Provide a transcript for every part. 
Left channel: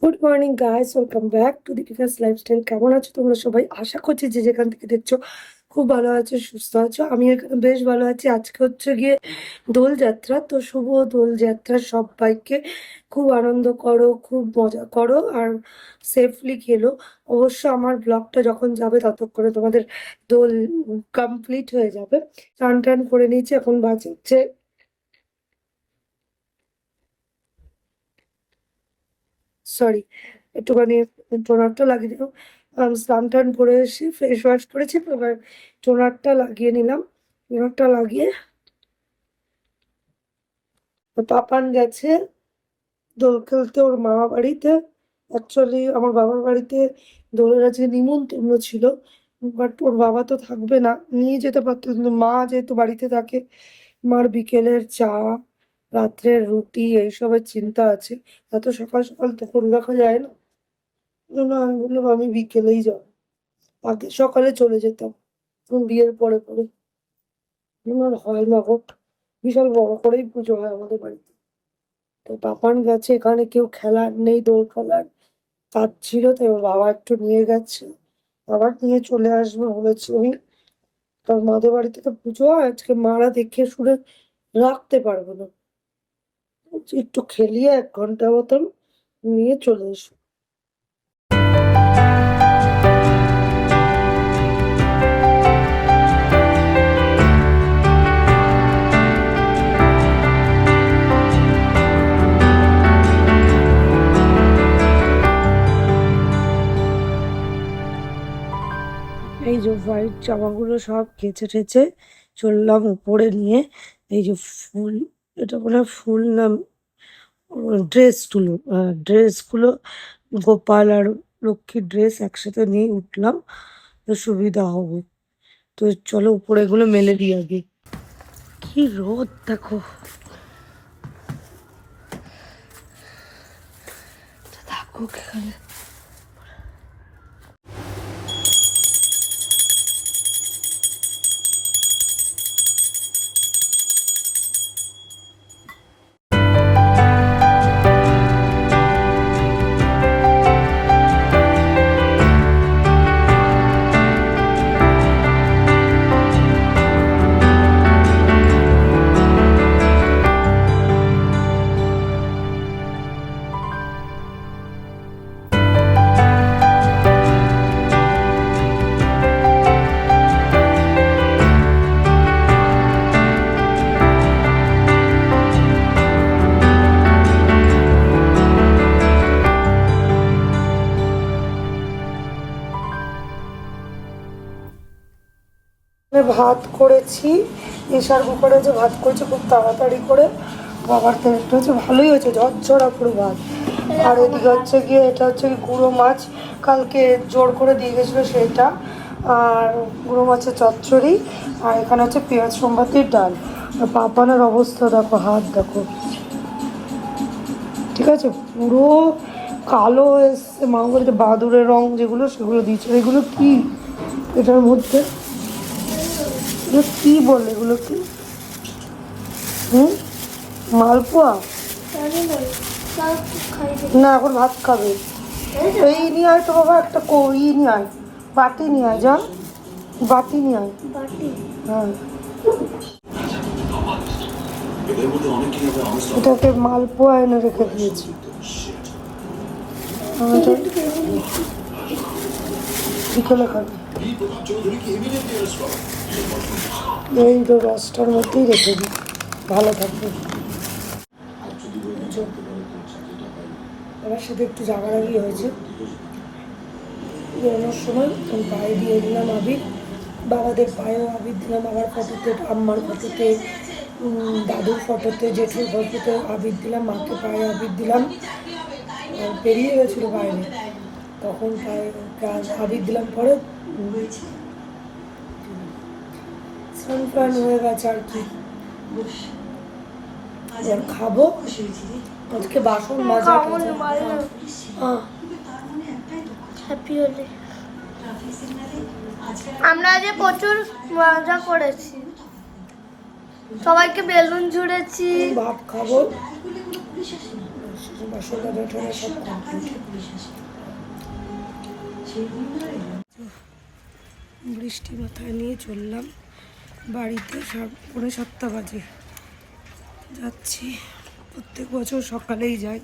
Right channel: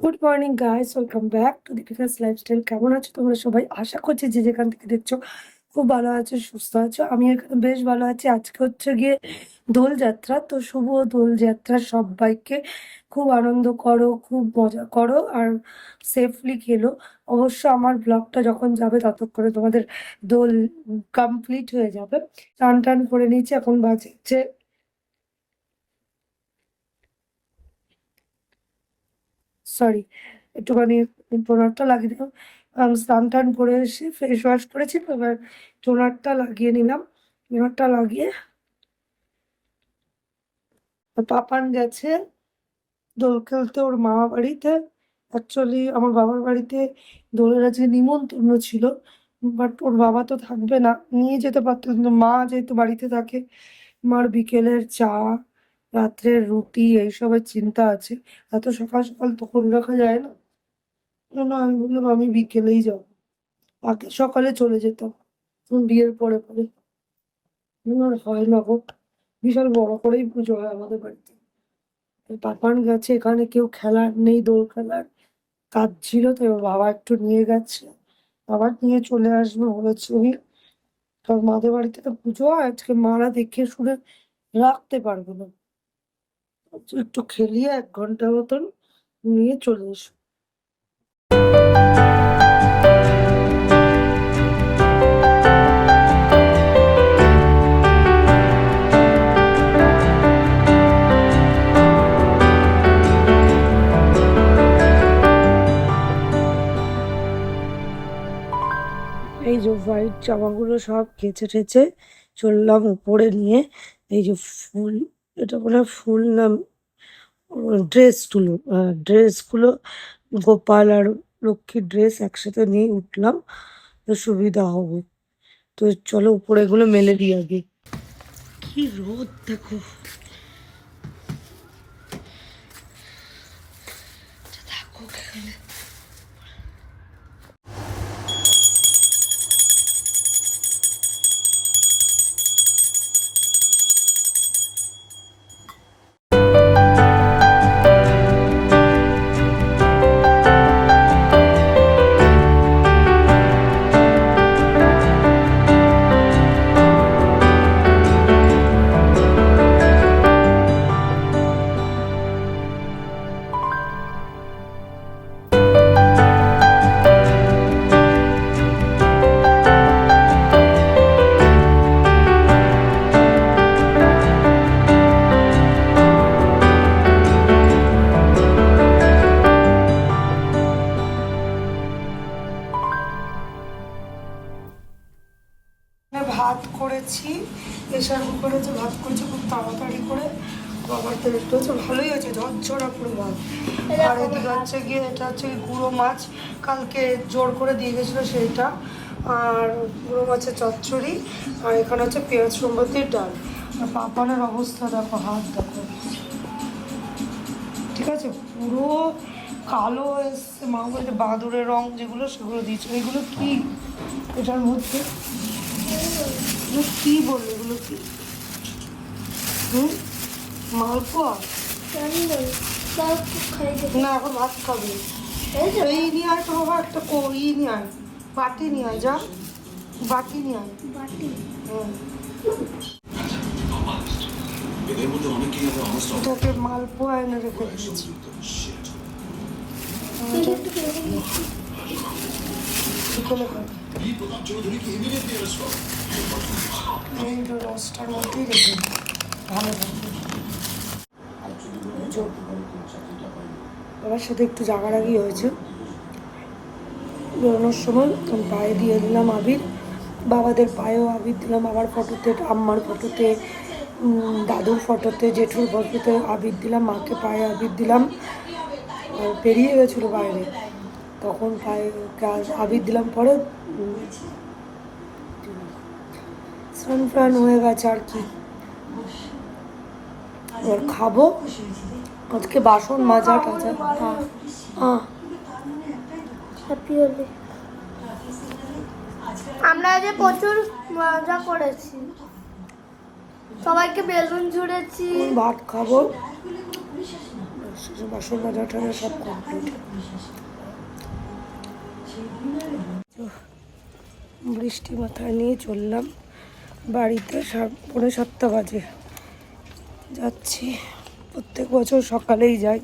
Good morning guys, welcome back to Deepika's lifestyle. কেমন আছো তোমরা সবাই? আশা করছি যে যেখান থেকে দেখছো খুব ভালো আছো, সুস্থ আছো। আমি এখানে বেশ ভালো আছি। আজকে হচ্ছে গিয়ে দোলযাত্রা, তো শুভ দোলযাত্রা সবাইকে। খুব আনন্দ করো, খুব মজা করো, আর সেফলি খেলো। অবশ্য আমার ব্লগটা যখন যাবে ততক্ষণে তোমাদের দোল কমপ্লিট হয়ে যাবে। চান টান করে নিয়েছি, এখন বাজছে সরি, একটুখানি টোনারটা লাগিয়ে দিলাম। স্নান টান করে এসে ফেস ওয়াশ করেছি, তো এবার টোনারটা লাগিয়ে নিলাম। টোনারটা লাগিয়ে পাপান গেছে দোল খেলতে ওর মামা বাড়িতে। অ্যাকচুয়ালি আমার বাবার বাড়িতে দোলের আজকে নিমন্ত্রণ ছিল, বাট ওর বাবা তো থাকবে না, নিয়ে যেতে পারতো, কিন্তু মা যেহেতু বাড়িতে থাকে, মার বিকেলের চা, রাত্রের রুটি এইসবের চিন্তা আছে। এত সকাল সকাল তো করে রাখা যায় না। জন্য আমি বললাম আমি বিকেলেই যাবো। আগে সকালে চলে যেতাম, বিয়ের পরে পরে। আর হয় না গো, বিশাল বড় করেই পুজো হয় আমাদের বাড়িতে। তো পাপান গেছে, এখানে কেউ খেলার নেই, দোল খেলার কাজ ছিল, তো এবার বাবা একটু নিয়ে গেছে। আবার নিয়ে চলে আসবে বলেছি আমি, কারণ মাদের বাড়িতে তো পুজো হয় আজকে, মারা দেখে শুনে রাখতে পারবে না। বলছি, একটু খেলিয়ে 1 ঘন্টা মতন নিয়ে চলে এসো। এই যে হোয়াইট জামাগুলো সব কেচে টেচে চললাম উপরে নিয়ে। এই যে ফুল, এটা বলে ফুল না, ড্রেসগুলো, ড্রেসগুলো গোপাল আর লক্ষ্মীর ড্রেস একসাথে নিয়ে উঠলাম, তো সুবিধা হবে। তো চলো উপরে এগুলো মেলে দিই আগে। কি রোদ দেখো, থাকুক এখানে। ভাত করেছি, প্রেশার কুকারে যে ভাত করেছি খুব তাড়াতাড়ি করে। খাবার টেস্ট হচ্ছে, ভালোই হয়েছে, ঝরঝরা পুরো ভাত। আর এদিকে হচ্ছে গিয়ে, এটা হচ্ছে গুঁড়ো মাছ, কালকে জোর করে দিয়ে গেছিলো সেটা, আর গুঁড়ো মাছের চচ্চড়ি, আর এখানে হচ্ছে পেঁয়াজ সোমবাতির ডাল। আর পাপানের অবস্থা দেখো, হাত দেখো, ঠিক আছে, পুরো কালো এসছে। মা বলতে বাদুরের রং যেগুলো সেগুলো দিচ্ছে। এগুলো কি এটার মধ্যে, এগুলো কি বলে, এগুলো কি? হুম, মালপোয়া না, এখন ভাত খাবে। এই নিয়ে আয় তো বাবা, একটা ই নিয়ে আয়, বাটি নিয়ে আয়, যা বাটি নিয়ে আয়। হ্যাঁ, এটাকে মালপোয়া এনে রেখে দিয়েছি। বিকেলে খাবে, এই তো 10টার মধ্যেই রেখে দিই, ভালো থাকবে। আমার সাথে একটু জাগারাগি হয়েছে বেরোনোর সময়। আমি পায়ে দিয়ে দিলাম আবির, বাবাদের পায়েও আবির দিলাম, আবার ফটোতে, আম্মার ফটোতে, দাদুর ফটোতে, জেঠুর ফটোতে আবির দিলাম, মাকে পায়ে আবির দিলাম। পেরিয়ে গেছিলো বাইরে, তখন পায়ে আবির দিলাম। পরে স্নান ফ্রান হয়ে গেছে আর কি। এবার খাবো, আজকে বাসন মাজা টাজা। হ্যাঁ, হ্যাপি হোলি। আমরা আজকে প্রচুর মজা করেছি, সবাইকে বেলুন ছুঁড়েছি। ভাত খাবো, মশলা টাটা সব কমপ্লিট। বৃষ্টি মাথায় নিয়ে চললাম বাড়িতে, 6:45 বাজে যাচ্ছি। প্রত্যেক বছর সকালেই যাই,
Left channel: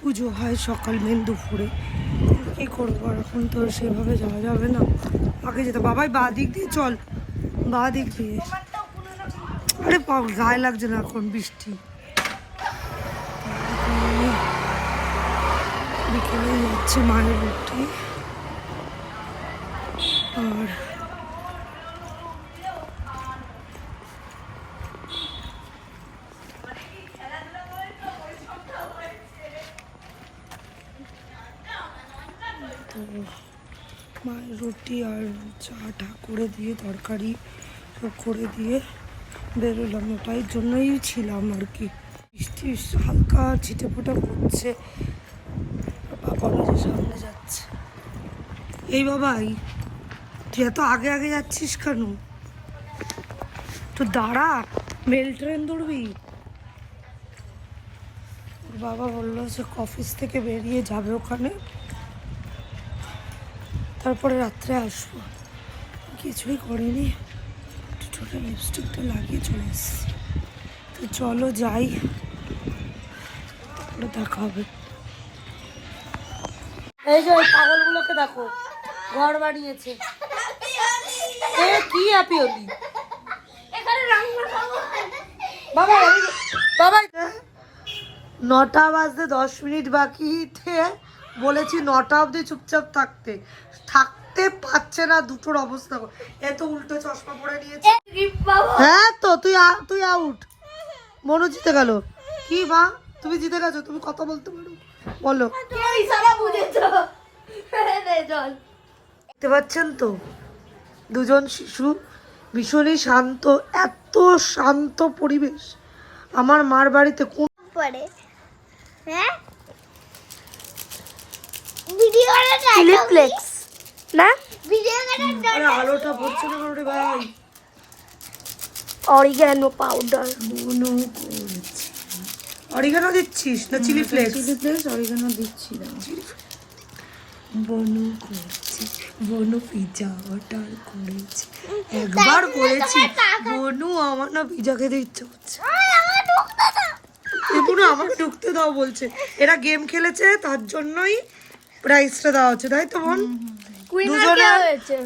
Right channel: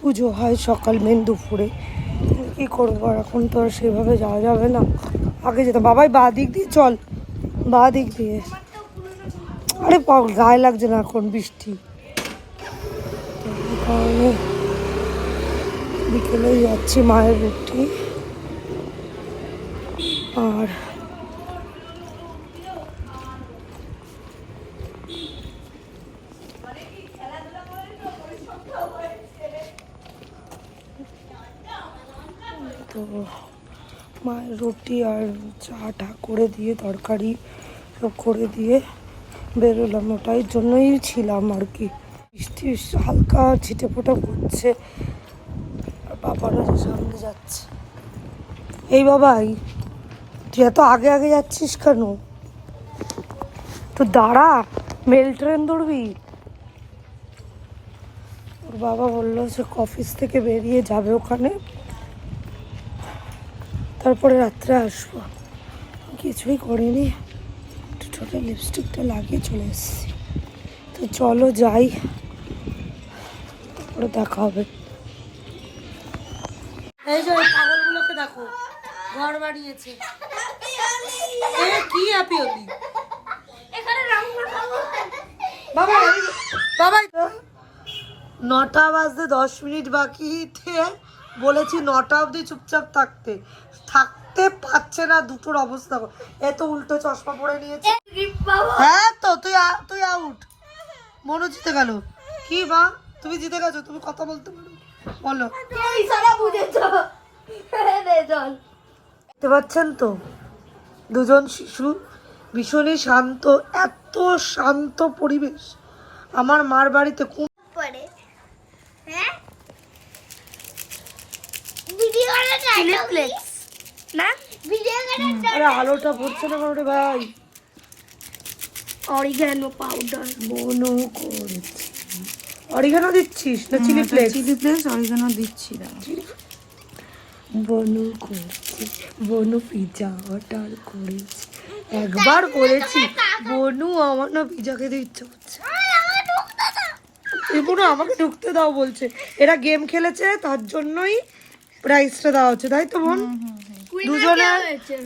পুজো হয় সকাল মেন দুপুরে, কী করবো আর এখন তো আর সেভাবে যাওয়া যাবে না। আগে যেতাম। বাবাই বা দিক দিয়ে চল, বা দিক দিয়ে। আরে গায়ে লাগছে না এখন বৃষ্টি, কারণে বিকেলে যাচ্ছি মায়ের রুটি আর তো মায়ের রুটি আর চাটা করে দিয়ে তরকারি সব করে দিয়ে বেরোলাম। ওটাই জন্যই ছিলাম আর কি। বৃষ্টি হালকা ছিটে ফোটা ঘুরছে আর বাবারা যে সামনে যাচ্ছে। এই বাবাই, তুই এত আগে আগে যাচ্ছিস কেন? তো দাঁড়া, মেল ট্রেন ধরবি। ওর বাবা বললো সে অফিস থেকে বেরিয়ে যাবে ওখানে, তারপরে রাত্রে আসবো। কিছুই করিনি, ঠোঁটে লিপস্টিকটা লাগিয়ে চলে এসেছি। তো চলো যাই, তারপরে দেখা হবে। এই যে ওই পাগলগুলোকে দেখো, ঘর বানিয়েছে। কি হ্যাপি হলি বাবা? বাবা 9টা বাজতে 10 মিনিট বাকিতে বলেছি 9টা অবধি চুপচাপ থাকতে, থাকতে পারছে না। দুটোর অবস্থা এত উল্টো চশমা পরে নিয়েছে। হ্যাঁ তো তুই আউট। মনু জিতে গেল। কি মা, তুমি জিতে গেছো, তুমি কথা বলতে পারো, বলো। দেখতে পাচ্ছেন তো দুজন শিশু, ভীষণই শান্ত, এত শান্ত পরিবেশ আমার মার বাড়িতে। কোন পড়ে হ্যাঁ ভিডিও ফ্লেক্স না ভিডিও আরে আলোটা পড়ছে না কারণে ভাই। অরিগানো পাউডার বনু করেছি। অরিগানো দিচ্ছিস না chilli flakes? Chilli flakes oregano দিচ্ছি না। বনু করছি, বনু পিজা অর্ডার করেছি। একবার বলেছি বনু আমার না পিজা খেতে ইচ্ছে করছে। বনু আমাকে ঢুকতে দাও বলছে। এরা গেম খেলেছে তার জন্যই প্রাইজটা দেওয়া হচ্ছে, তাই তো বোন?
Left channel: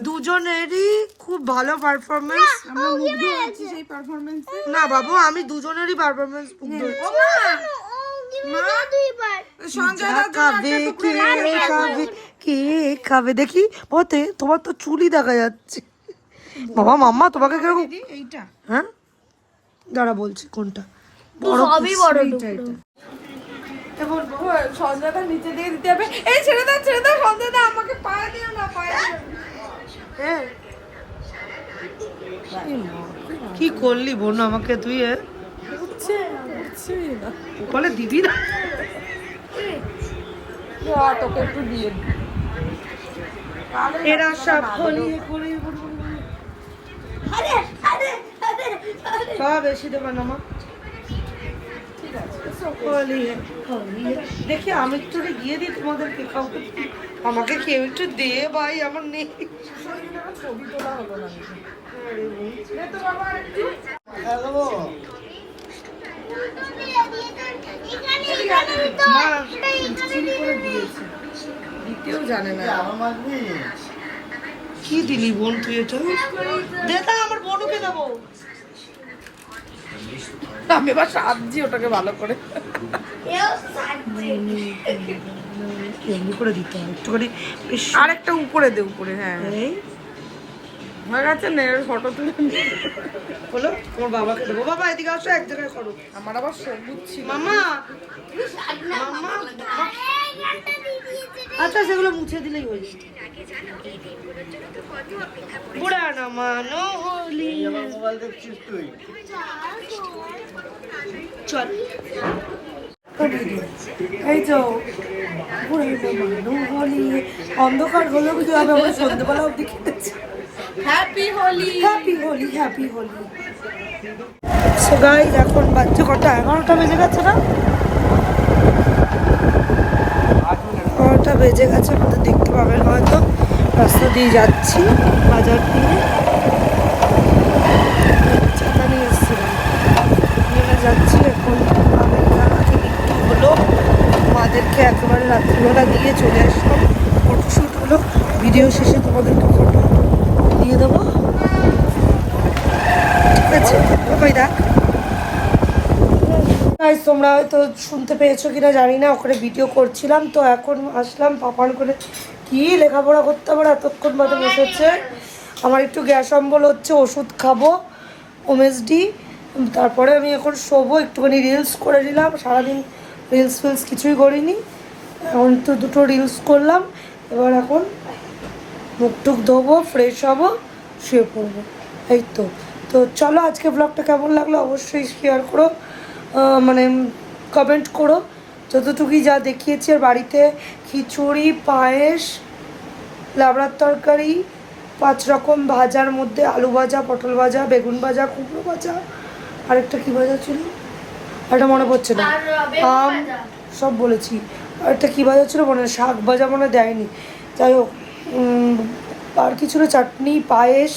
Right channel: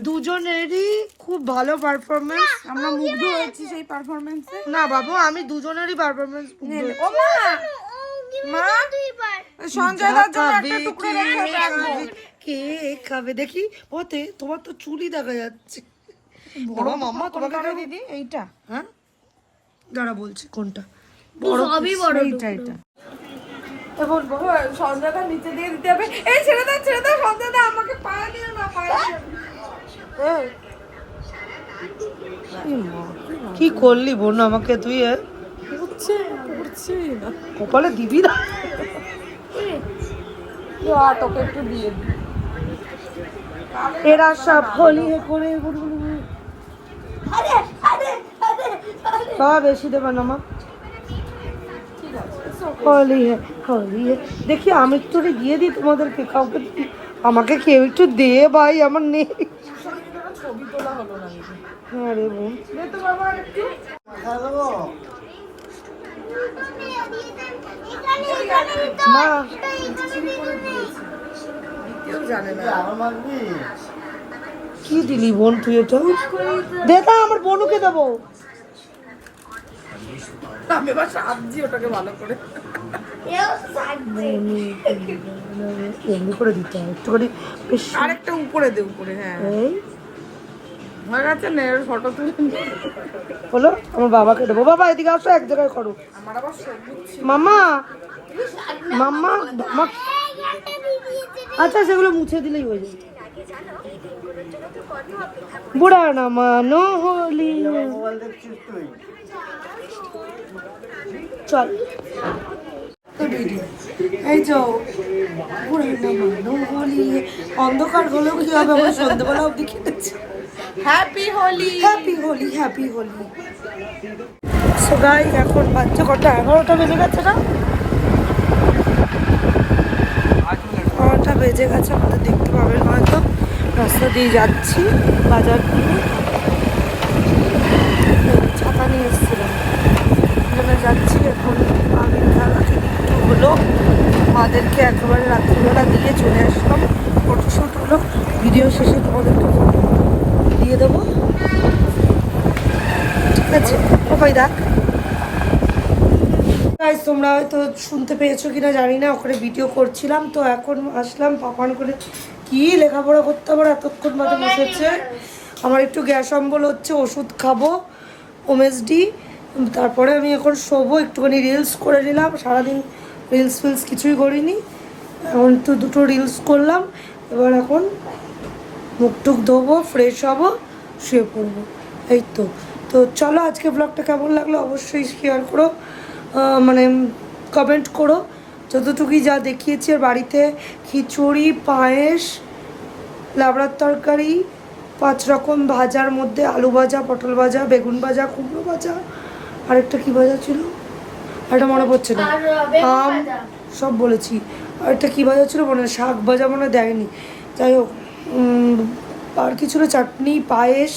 দুজনেরই খুব ভালো পারফরমেন্স। আমরা মুগ্ধ হয়েছি সেই পারফরম্যান্সে। না বাবু, আমি দুজনেরই পারফরমেন্স ও মা, সঞ্জয় খাবে কে খাবে, কে খাবে দেখি। ওতে তোমার তো চুলই দেখা যাচ্ছে বাবা। মাম্মা তোমাকে কিরকম? এইটা হ্যাঁ দাঁড়া বলছি কোনটা বড় এইটা এটা এখন সঞ্জয়টা নিচে দিয়ে দিতে হবে। এই ছেড়ে দাও সঞ্জয় দা, আমাকে পায়ে দিও না, পায়ে দিও না। কি করলি বোন আমাকে তুই? উঠছে না, কপালে দিবি না? তোকে একটু দিয়ে দিই। এরা সব হলি করে বাবা বেশি দেবে না মা। হলি হলি দেখি আমি একটু গিয়ে দিই তোমাদেরকে, কাউকে আমাকে কেউ একটু দে ভাই, আমার নেই। আরে বোন মা কেউ জানে না। কি দিলি বোন তুই? এটা দে তা আমার বোনুকে দেবো। আমি এবার সাবজি ওটাকে ভালো করে এমনি করে দিতে হয় একটুখানি বেশ। আরেকটা উপরে দে, উপরে। হ্যাঁ এই হয়ে গেছে না, ফটো তুলে হলো। আমার বাবাকে দেবো। বাবা এদিকে আসো, এক জায়গায় করো। আমার আবার সবুজ ছিল। মামা মাম্মা আচ্ছা সেগুলো মুছে দিলেই হয়ে যাবে। বুড়া না মানো হলি চল এই তো বুড়া না মানো হলি। অন্ধকার হলেও কি হবে, আমরা সন্ধ্যেবেলা অব্দি খেতেছি। Happy Holi, happy Holi, happy Holi. So guys এখন বাজছে কটা? 11টা বেজে গেছে না? 9টা বেজে গেছে, আমাদের দেখতে পাবেন হয়তো, রাস্তা দিয়ে যাচ্ছি বাজার দিয়ে, চাকা নিয়ে এসেছিলাম জন্য যাচ্ছি। এখন আমি রাতে একটু হলো, মাদেরকে একেবারে রাত্রিবেলা দিয়ে চলে আসলাম, ফটোশ্যুট হলো, ভিডিও শেষে তোমাদেরকে ফটো দিয়ে দেবো, ঠিক আছে? ওই দেখ গাইস, তোমরা হয়তো শুনতে পেয়েছো কিনা জানি না, ওখানে ভিডিও করছিলাম। তো এখন আসলাম পাপান করে, কি লেখাপড়া করতে আবার এতক্ষণ বাদে বসেছে। আমার একটু গ্যাস অম্বল হচ্ছে, ওষুধ খাবো ওমেসডি, তারপরে আমি এখন শোবো। একটুখানি রিলস করে নিলাম, সারাদিন রিলস ফিলস কিছুই করিনি, এখন তো দুটো রিলস করলাম। এবার এখন মুখ টুক ধোবো, ফ্রেশ হবো, শুয়ে পড়বো, এই তো। তো চলো, আজকে ব্লগটা কেমন লাগলো অবশ্যই শেয়ার করো, মানে কমেন্ট করো। যতটুকুই যা দেখিয়েছি, আর বাড়িতে খিচুড়ি, পায়েস, লাবড়ার তরকারি, 5 রকম ভাজার মধ্যে আলু ভাজা, পটল ভাজা, বেগুন ভাজা, কুমড়ো ভাজা, আরেকটা কি ভাজা ছিল, একটা মনে পড়ছে না, আম, সব বলেছি। আরেকটা কি ভাজা ছিল মনে, শাক ভাজা মনে দেয়নি, যাই হোক। আর কিছু না, চাটনি, পায়েস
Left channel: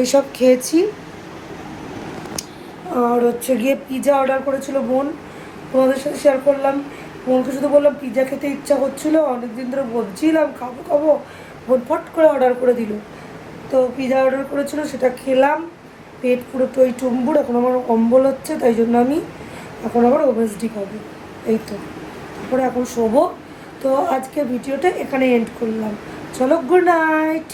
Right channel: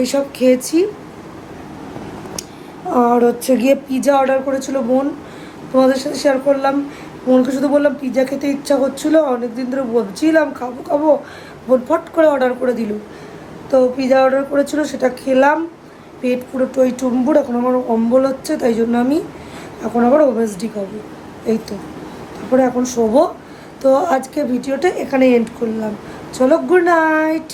এইসব খেয়েছি। আর হচ্ছে গিয়ে পিৎজা অর্ডার করেছিল বোন, তোমাদের সাথে শেয়ার করলাম। বোনকে শুধু বললাম পিৎজা খেতে ইচ্ছা করছিলো, অনেকদিন ধরে বলছিলাম খাবো খাবো, বোন ফট করে অর্ডার করে দিল। তো পিৎজা অর্ডার করেছিল, সেটা খেলাম, পেট পুরো টই টুম্বুর, এখন আমার অম্বল হচ্ছে, তাই জন্য আমি এখন আবার ওমেসডি খাবো, এই তো। তারপরে এখন শোবো। তো আজকে ভিডিওটা এখানে এন্ড করলাম, চলো, গুড নাইট।